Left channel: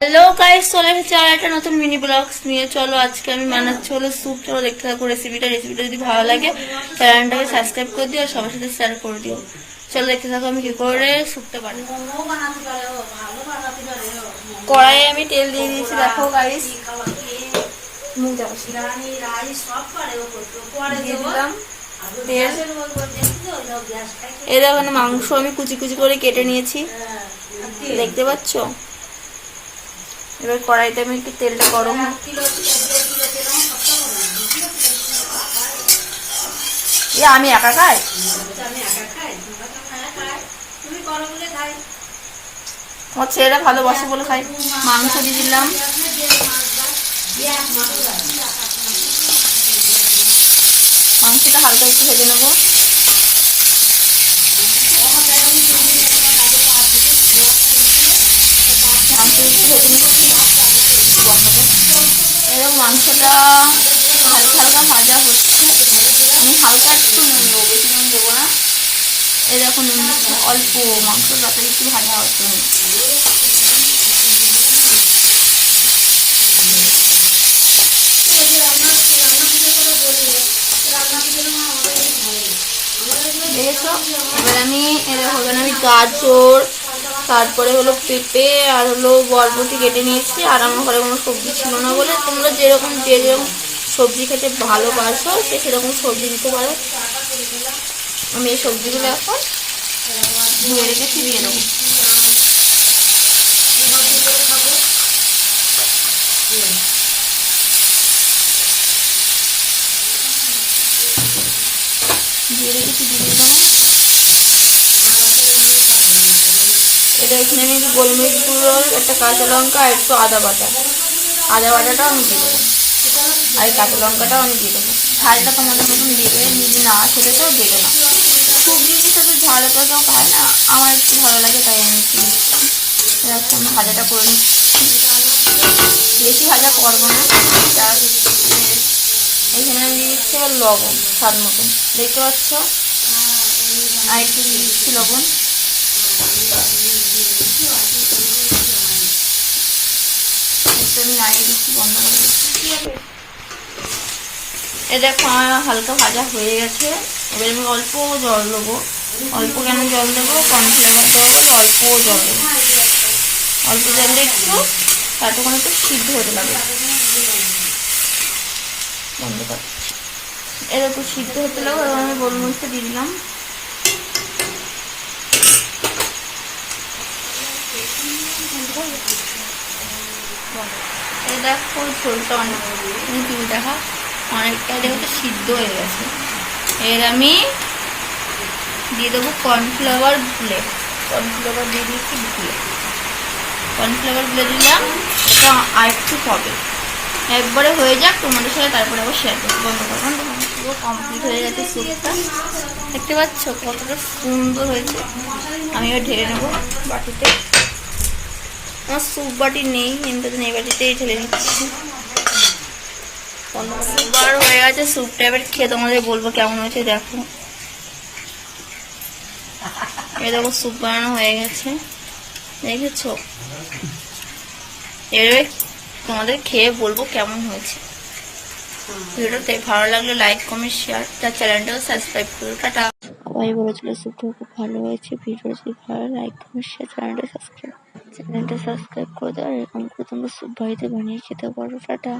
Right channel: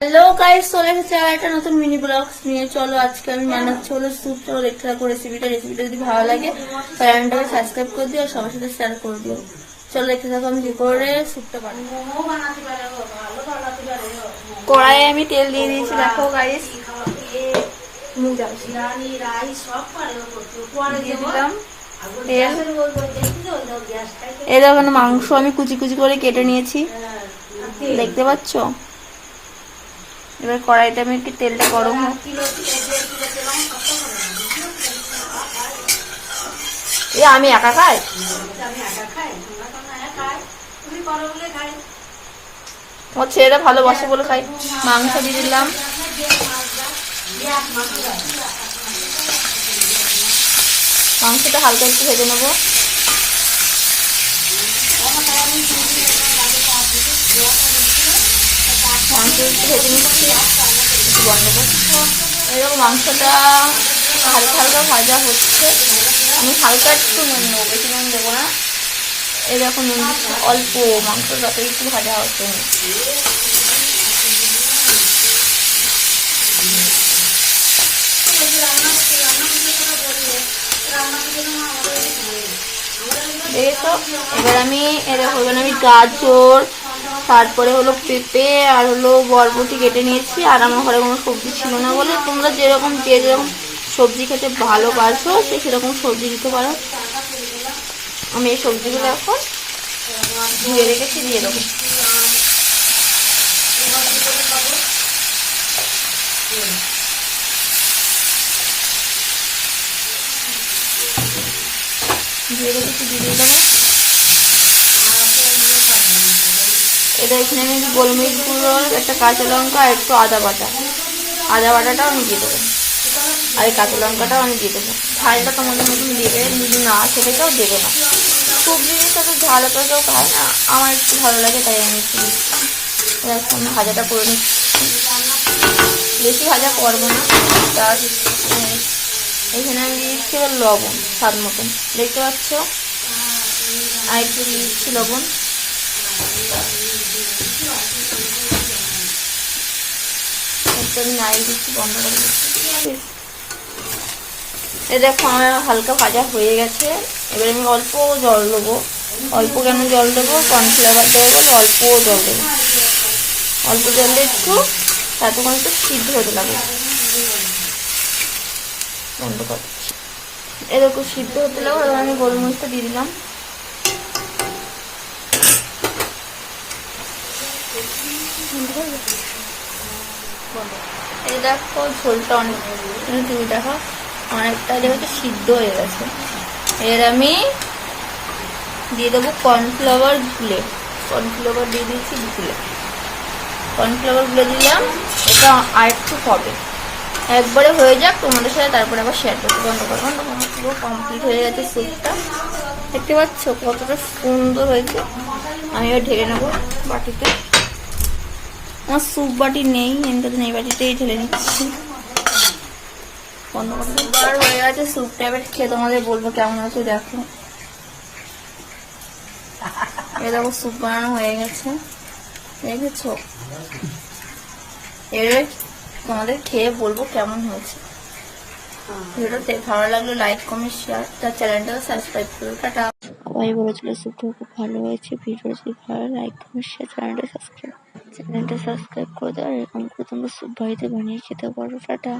Hello guys, চলে এসেছি আর একটা নতুন মিনি ব্লগস নিয়ে। চলো আজকে আমি বানাচ্ছি হলো স্যুপ। চলো দেখতে থাকো রেসিপিটা যদি ভালো লাগে চ্যানেলটাকে সাবস্ক্রাইব করে দিও আর সবার সাথে শেয়ার করে দিও। চলো দেখতে থাকো আমি কি করে স্যুপটা বানাই। কড়াইয়ে আমি তেল দিয়ে দিয়েছি, দেখো গাইস। দিয়ে দিলাম তেল। এই দেখো মাংস আমি কুচি কুচি করে কেটে নিয়েছি, দেখতে পাচ্ছ। এবার কড়াইতে আমি একটু তেলটা গরম হোক। আমি একা খাই, তোমার ছেলেরা ভালোবাসে বলে খাই। মাংস দিয়ে দিলাম, মাংসটা হালকা একটু ভেজে নেবো। মাংস একটু ভেজে নিচ্ছি, একটু বন্ধ করবো। এরকম মাংসটা হালকা হালকা ভাজা হচ্ছে। আমি হালকা একটু নুন দেবো, বেশি নুন দেবো না। এই দেখো নুন দিচ্ছি অল্প, মাংস যাতে একটু ভাজা হচ্ছে। দেখেছো, এবার আমি গাজর, তারপরে হলো পেঁপে আর হলো বরবটি কেটে নিয়েছি। আর আমার ঘরে কোনো সবজি ছিল না বলে তোমরা যেরকম সবজি খেতে ভালোবাসো সেরকম সবজি দিতে পারো। আমি এই সবজিগুলো এখন ধুয়ে রেখেছি, দিয়ে দেবো। দিয়ে রেখেছি, দিয়ে দেবো। এটা এখানে আমি একটু গোলমরিচ গুঁড়ো, একটা কাঁচা লঙ্কা আর একটু আদা বাটাটা আমি দিয়ে দেবো। আর এই কাঁচা লঙ্কাটাও আমি দিয়ে দেবো। ঝালটা তোমাদের মতন দেবে, যদি না খেতে চাও দেবে না। সবজির সাথে ঝাল তো কেউ খায় না, আমার একটু ভালো লাগে তাই আমি একটু দিচ্ছি। আমি ভাজাটা করে নিচ্ছি, বেশি ভাজা করবো না। তার এখানে আমি দিয়ে দিচ্ছি এবার লবণ স্বাদ মতন, দেখতে পাচ্ছ। আর একটু দিয়ে দিচ্ছি লবণ। আমি নাড়িয়ে দিচ্ছি, বন্ধ করে দিচ্ছি। এটা দেখো হালকা ভাজা হয়ে গেছে। এবার আমি অল্প জল দেবো, অল্প কেন জল দেবো, কর্নফ্লাওয়ার দেবো বলে অল্প জল দেবো। অল্প জল দিয়ে একটু তাতে কোনো একটু সিদ্ধ হতে লাগবে। বন্ধ করছি। এবার একটু সিদ্ধ হতে লাগবে, এবার আমি গোলমরিচটা দিয়ে দিলাম। এই দেখো ঝোলটা অনেক, তুমি দেখো অনেকটা দেখো সিদ্ধ হয়ে গেছে। এর আমি দিয়ে দেবো কর্নফ্লাওয়ার দিয়ে দিয়েছি গুলে। কর্নফ্লাওয়ার গুলে দিলাম, এটা আর একটু হবে। একবারে হয়ে যাক তোমাদের সাথে, তারপরে আবার শেয়ার করতে। বন্ধ করবো। পুরো কমপ্লিট হয়ে গেছে স্যুপটা, দেখতে পাচ্ছ কতটা সুন্দর হয়েছে। আমি এবার ঢেলে নেবো বাটিতে। আমার স্যুপ বাটি নেই, কিন্তু এই বাটিতেই ঢেলে নিচ্ছি। স্যুপবার হয়ে গেছে, স্যুপটা এবার খেয়ে তোমাদের বলবো কেমন হয়েছে। দেখো এই দেখো স্যুপ বানানো হয়ে গেছে, দেখেছো। এবার তোমাদের খেয়ে বলবো কেমন হয়েছে। ভিডিওটা ভালো লাগলে লাইক কমেন্ট শেয়ার, তার চ্যানেলটাও সাবস্ক্রাইব করো। টাটা। সবাই বলেছিল স্যুপটা খুব ভালো হয়েছে। ভিডিও যদি ভালো লাইক কমেন্ট শেয়ার, চ্যানেলটা সাবস্ক্রাইব করে দাও। আর এরকম করে তোমরা স্যুপ বাড়িতে বানিয়ে খেতে পারো। টাটা।